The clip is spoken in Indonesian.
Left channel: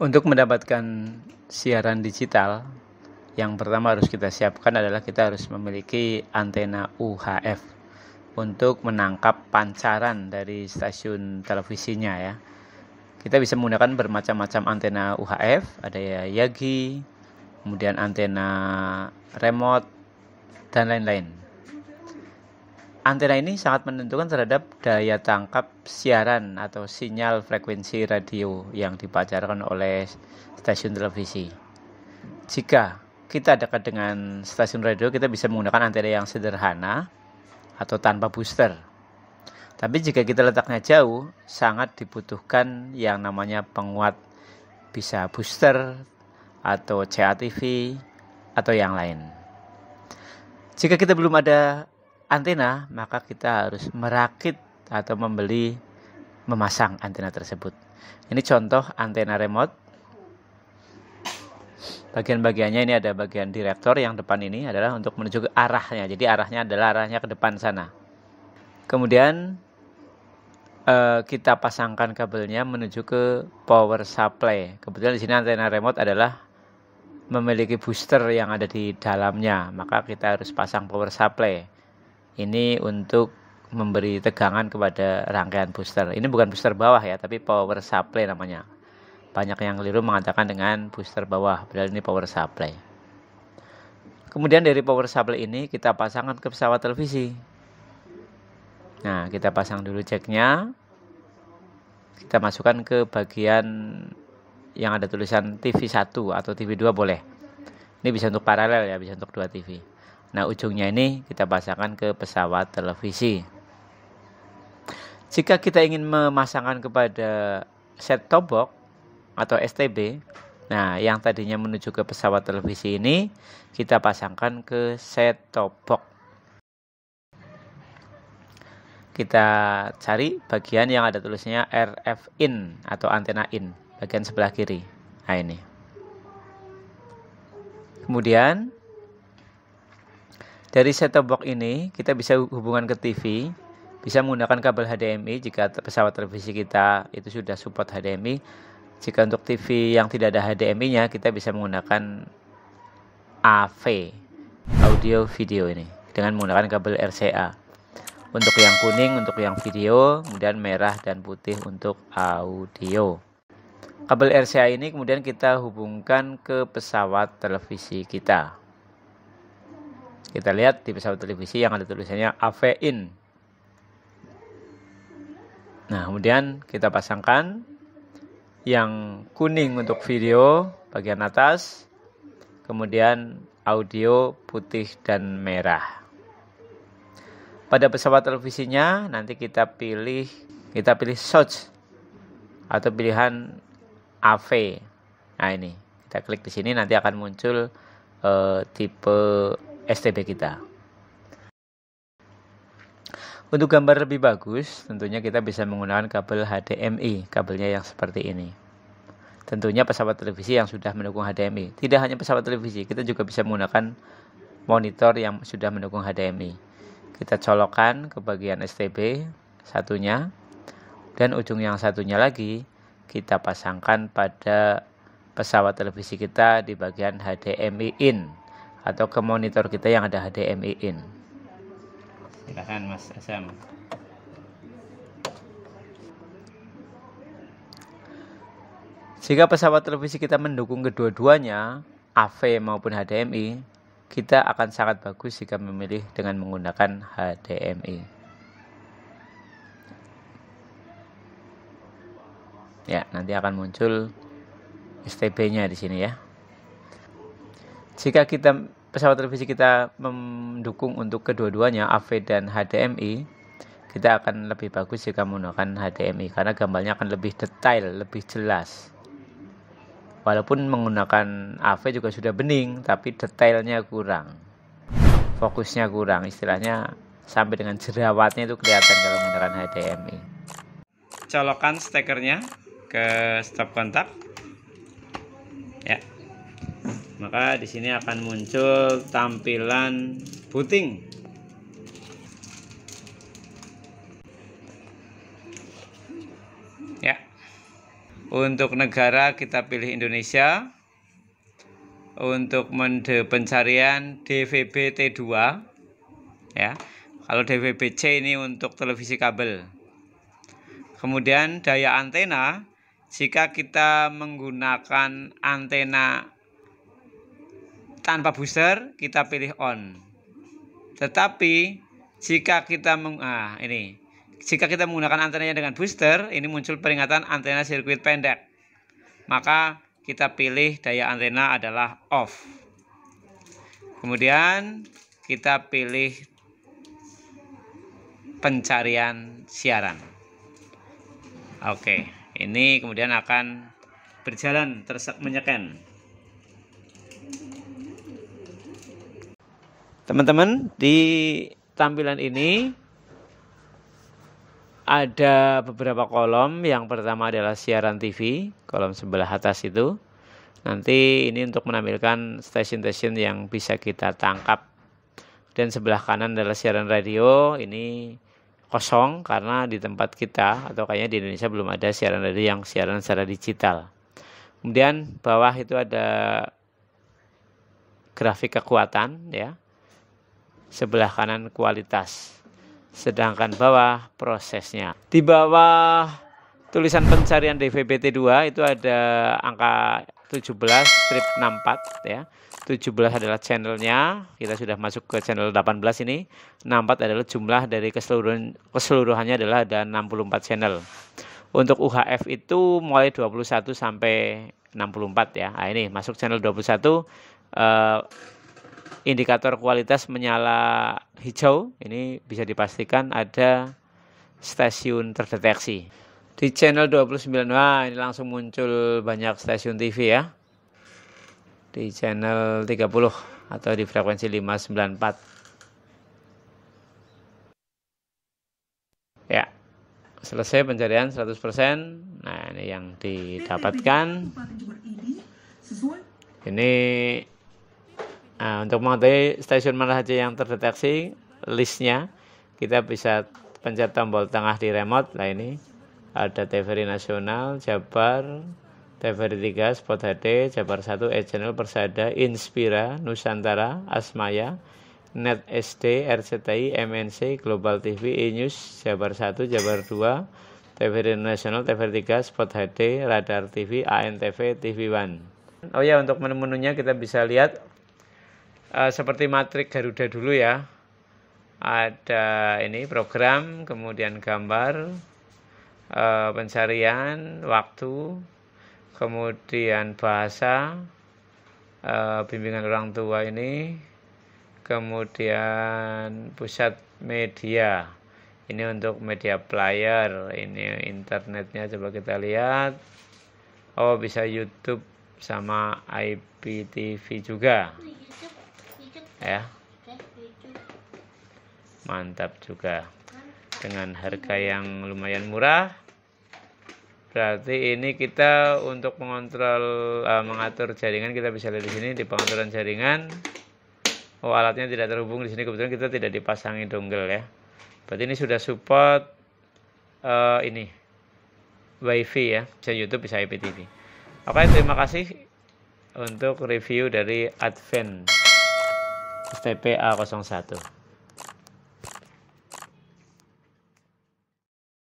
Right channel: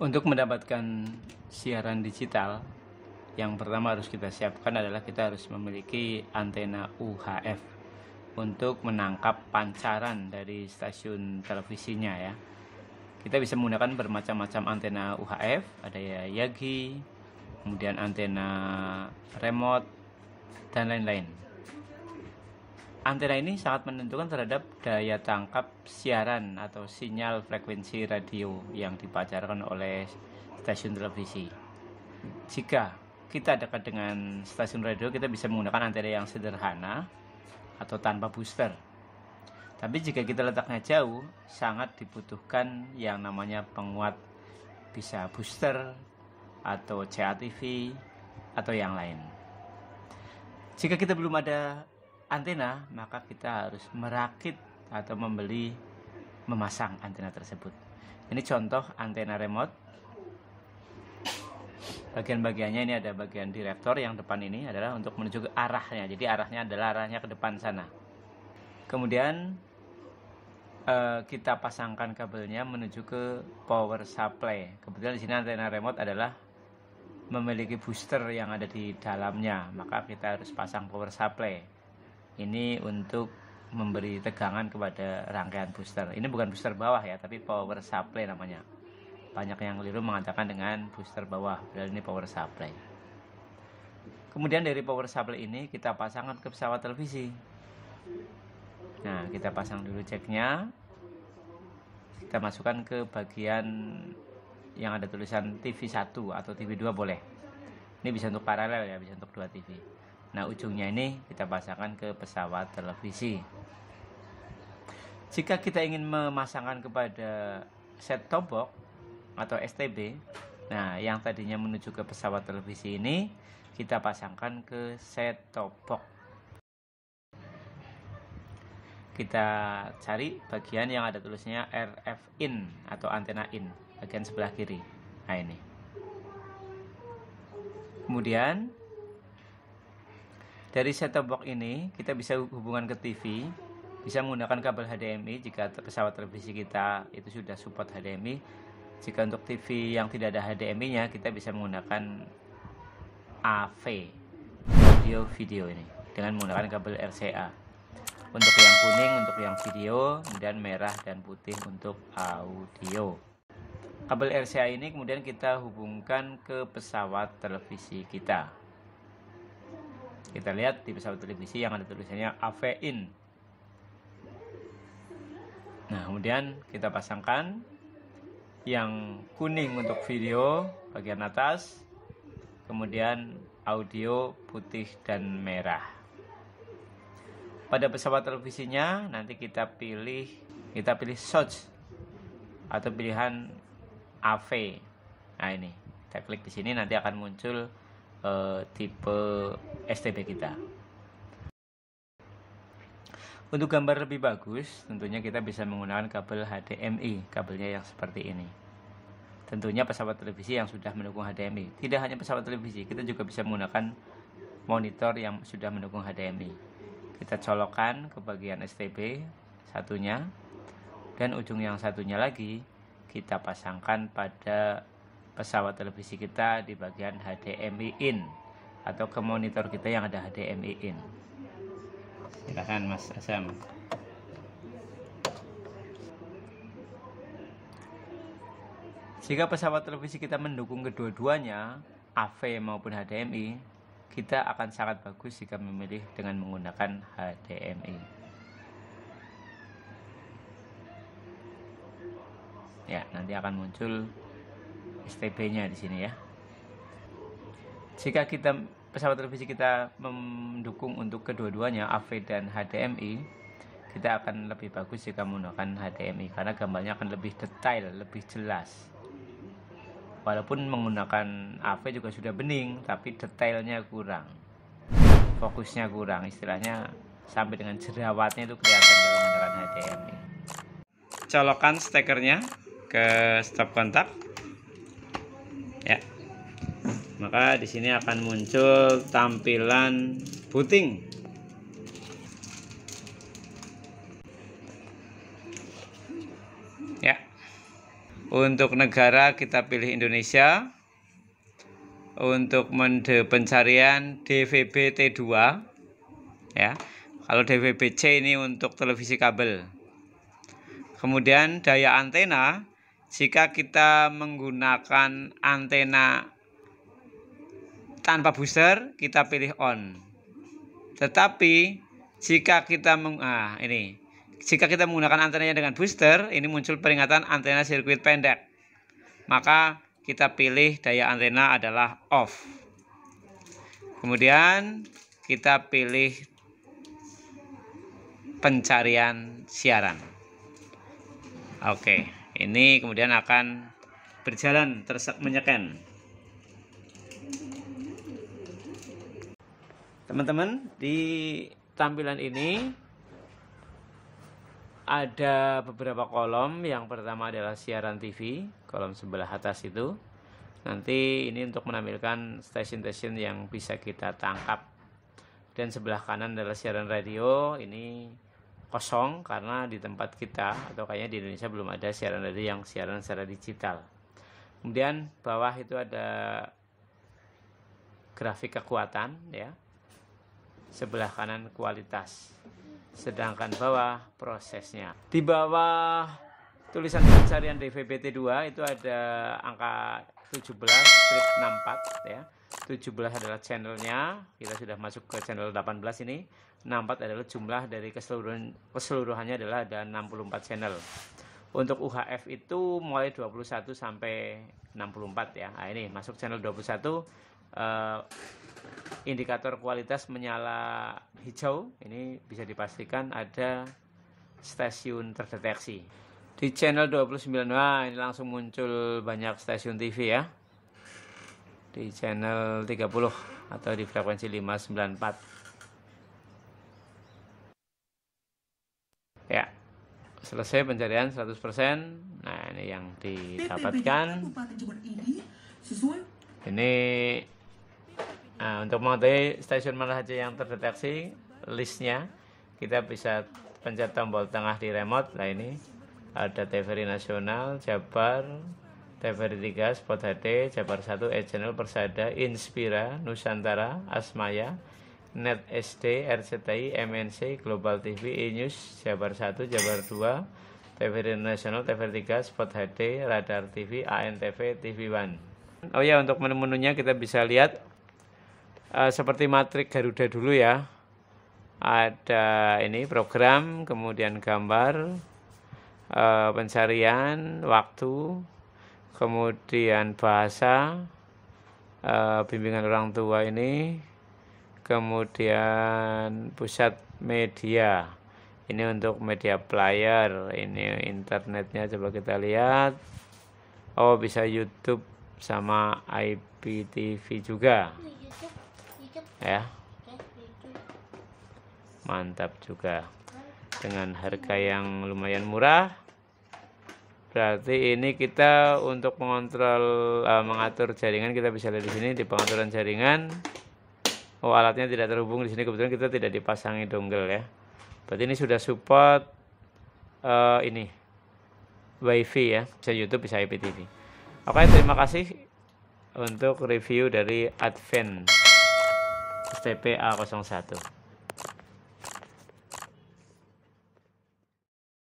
Untuk mendapatkan siaran digital, yang pertama harus kita siapkan adalah kita harus memiliki antena UHF untuk menangkap pancaran dari stasiun televisinya ya. Kita bisa menggunakan bermacam-macam antena UHF, ada ya Yagi, kemudian antena remote, dan lain-lain. Antena ini sangat menentukan terhadap daya tangkap siaran atau sinyal frekuensi radio yang dipancarkan oleh stasiun televisi. Jika kita dekat dengan stasiun radio, kita bisa menggunakan antena yang sederhana atau tanpa booster. Tapi jika kita letaknya jauh, sangat dibutuhkan yang namanya penguat, bisa booster atau CATV atau yang lain. Jika kita belum ada antena, maka kita harus merakit atau memasang antena tersebut. Ini contoh antena remote. Bagian-bagiannya ini ada bagian direktor, yang depan ini adalah untuk menuju ke arahnya. Jadi arahnya adalah arahnya ke depan sana. Kemudian kita pasangkan kabelnya menuju ke power supply. Kebetulan di sini antena remote adalah memiliki booster yang ada di dalamnya, maka kita harus pasang power supply. Ini untuk memberi tegangan kepada rangkaian booster. Ini bukan booster bawah ya, tapi power supply namanya. Banyak yang keliru mengatakan dengan booster bawah, padahal ini power supply. Kemudian dari power supply ini kita pasangkan ke pesawat televisi. Nah, kita pasang dulu jacknya. Kita masukkan ke bagian yang ada tulisan TV 1 atau TV 2 boleh. Ini bisa untuk paralel ya, bisa untuk 2 TV. Nah, ujungnya ini kita pasangkan ke pesawat televisi. Jika kita ingin memasangkan kepada set-top box atau STB, nah yang tadinya menuju ke pesawat televisi ini kita pasangkan ke set-top box. Kita cari bagian yang ada tulisannya RF in atau antena in, bagian sebelah kiri. Nah ini. Kemudian dari set-top box ini kita bisa hubungan ke TV, bisa menggunakan kabel HDMI jika pesawat televisi kita itu sudah support HDMI. Jika untuk TV yang tidak ada HDMI-nya, kita bisa menggunakan AV, audio video ini, dengan menggunakan kabel RCA. Untuk yang kuning untuk yang video, kemudian merah dan putih untuk audio. Kabel RCA ini kemudian kita hubungkan ke pesawat televisi kita. Kita lihat di pesawat televisi yang ada tulisannya AV in. Nah, kemudian kita pasangkan yang kuning untuk video bagian atas, kemudian audio putih dan merah. Pada pesawat televisinya nanti kita pilih source atau pilihan AV. Nah ini kita klik di sini, nanti akan muncul tipe STB kita. Untuk gambar lebih bagus, tentunya kita bisa menggunakan kabel HDMI, kabelnya yang seperti ini. Tentunya pesawat televisi yang sudah mendukung HDMI. Tidak hanya pesawat televisi, kita juga bisa menggunakan monitor yang sudah mendukung HDMI. Kita colokkan ke bagian STB satunya, dan ujung yang satunya lagi kita pasangkan pada pesawat televisi kita di bagian HDMI in atau ke monitor kita yang ada HDMI in. Silakan Mas Asam. Jika pesawat televisi kita mendukung kedua-duanya, AV maupun HDMI, kita akan sangat bagus jika memilih dengan menggunakan HDMI. Ya, nanti akan muncul STB-nya di sini ya. Jika pesawat televisi kita mendukung untuk kedua-duanya, AV dan HDMI, kita akan lebih bagus jika menggunakan HDMI karena gambarnya akan lebih detail, lebih jelas. Walaupun menggunakan AV juga sudah bening, tapi detailnya kurang, fokusnya kurang, istilahnya sampai dengan jerawatnya itu kelihatan kalau menggunakan HDMI. Colokan stekernya ke stop kontak, ya. Maka di sini akan muncul tampilan booting. Ya. Untuk negara kita pilih Indonesia. Untuk mode pencarian DVB T2 ya. Kalau DVB-C ini untuk televisi kabel. Kemudian daya antena, jika kita menggunakan antena tanpa booster, kita pilih on. Tetapi jika kita jika kita menggunakan antenanya dengan booster, ini muncul peringatan antena sirkuit pendek. Maka kita pilih daya antena adalah off. Kemudian kita pilih pencarian siaran. Oke, ini kemudian akan berjalan menyeken. Teman-teman, di tampilan ini ada beberapa kolom. Yang pertama adalah siaran TV, kolom sebelah atas itu. Nanti ini untuk menampilkan stasiun-stasiun yang bisa kita tangkap. Dan sebelah kanan adalah siaran radio. Ini kosong karena di tempat kita atau kayaknya di Indonesia belum ada siaran radio yang siaran secara digital. Kemudian bawah itu ada grafik kekuatan ya. Sebelah kanan kualitas. Sedangkan bawah prosesnya. Di bawah tulisan pencarian DVB-T2 itu ada angka 17 strip 64 ya. 17 adalah channelnya, kita sudah masuk ke channel 18 ini. 64 adalah jumlah dari keseluruhannya adalah ada 64 channel. Untuk UHF itu mulai 21 sampai 64 ya. Nah, ini masuk channel 21, indikator kualitas menyala hijau. Ini bisa dipastikan ada stasiun terdeteksi. Di channel 29, wah ini langsung muncul banyak stasiun TV ya. Di channel 30 atau di frekuensi 594. Ya, selesai pencarian 100%. Nah, ini yang didapatkan. Ini untuk mengetahui stasiun mana saja yang terdeteksi, listnya, kita bisa pencet tombol tengah di remote. Nah, ini ada TVRI Nasional, Jabar, TVRI 3, Spot HD, Jabar 1, E-Channel, Persada, Inspira, Nusantara, Asmaya, Net SD, RCTI, MNC, Global TV, E-News, Jabar 1, Jabar 2, TVRI Nasional, TVRI 3, Spot HD, Radar TV, ANTV, TV One. Oh ya, untuk menu-menunya kita bisa lihat seperti matrik Garuda dulu ya. Ada ini program, kemudian gambar, pencarian, waktu, kemudian bahasa, bimbingan orang tua ini, kemudian pusat media. Ini untuk media player, ini internetnya coba kita lihat. Oh, bisa YouTube sama IPTV juga. Ya. Mantap juga. Dengan harga yang lumayan murah. Berarti ini kita untuk mengontrol, mengatur jaringan, kita bisa lihat di sini di pengaturan jaringan. Oh, alatnya tidak terhubung di sini, kebetulan kita tidak dipasangi dongle ya. Berarti ini sudah support ini WiFi ya, bisa YouTube, bisa IPTV. Oke, terima kasih untuk review dari Advent STP A01.